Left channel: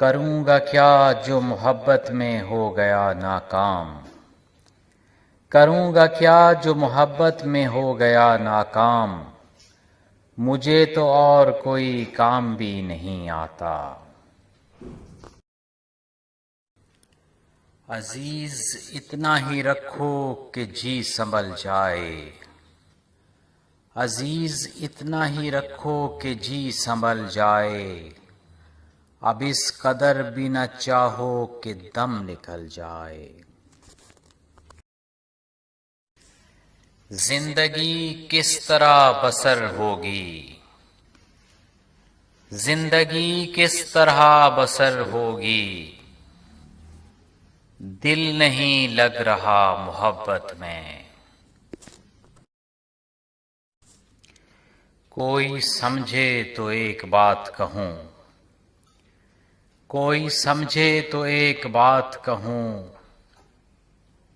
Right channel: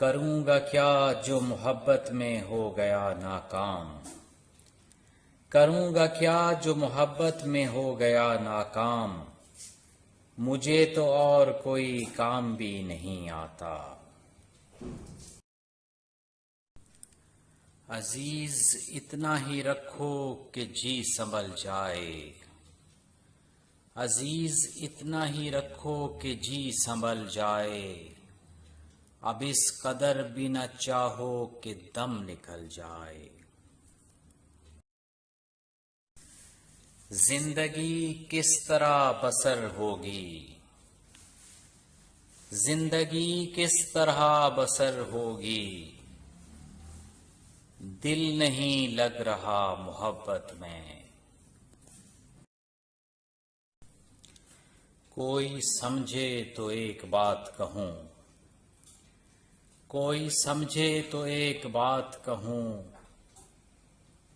کروں گا کیا جو محبت میں ہو گیا ناکام، کروں گا کیا جو محبت میں ہو گیا ناکام، مجھے تو اور کوئی کام بھی نہیں آتا۔ عزیز اتنا ہی رکھو کہ جی سنبھل جائے، عزیز اتنا ہی رکھو کہ جی سنبھل جائے، اب اس قدر بھی نہ چاہو کہ دم نکل جائے۔ زندگی کس طرح بسر ہوگی، زندگی کس طرح بسر ہوگی، دل نہیں لگ رہا محبت میں۔ کوئی سمجھے تو ایک بات کہوں، کوئی سمجھے تو ایک بات کہوں،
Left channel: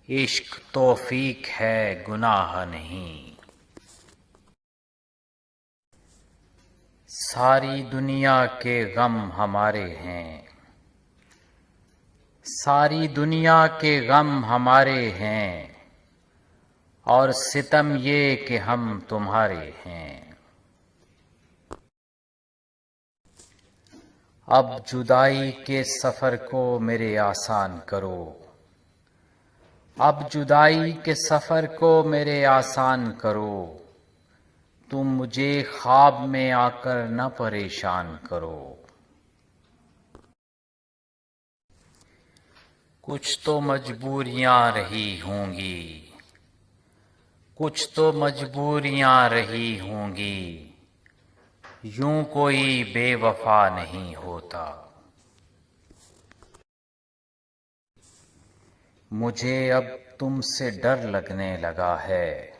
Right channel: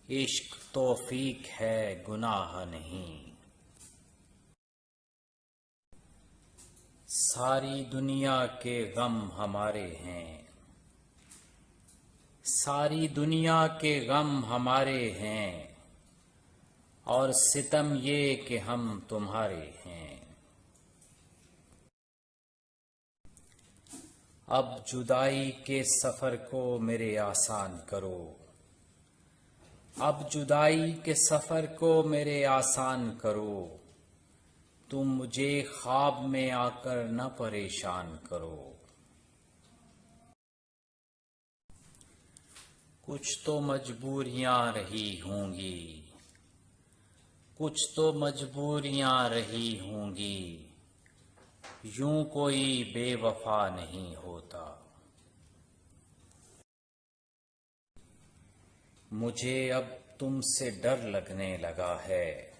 عشق توفیق ہے گناہ نہیں۔ ساری دنیا کے غم ہمارے ہیں، ساری دنیا کے غم ہمارے ہیں، اور ستم یہ کہ ہم تمہارے ہیں۔ اب جدائی کے سفر کو میرے آسان کرو، اب جدائی کے سفر کو میرے آسان کرو، تم مجھے خواب میں آ کر نہ پریشان کرو۔ کچھ تو مجبوریاں رہی ہوں گی، کچھ تو مجبوریاں رہی ہوں گی، یوں کوئی بے وفا نہیں ہوتا۔ مجھے اب تم سے ڈر لگنے لگا ہے،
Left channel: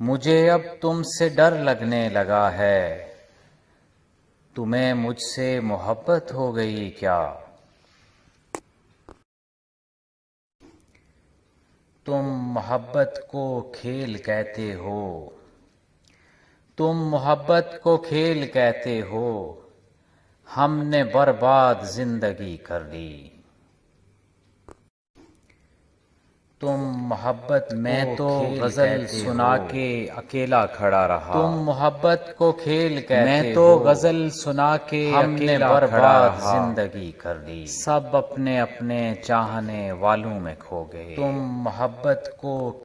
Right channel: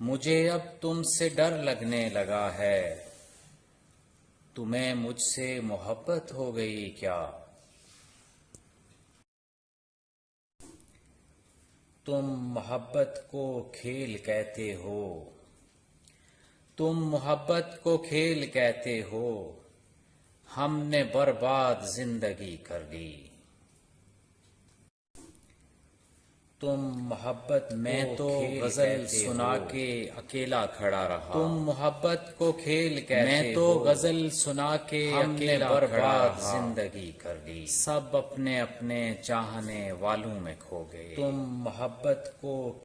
مجھے اب تم سے ڈر لگنے لگا ہے، تمہیں مجھ سے محبت ہو گئی کیا؟ تم محبت کو کھیل کہتے ہو، تم محبت کو کھیل کہتے ہو، ہم نے برباد زندگی کر لی۔ تم محبت میں تو غزل سنا کے اکیلا کھڑا رہا، تم محبت کو کھیل کہتے ہو، میں تو غزل سنا کے ہم نے برباد زندگی کر لی، سب اپنے اپنے چاہنے والوں میں کھو گئے۔ تم محبت کو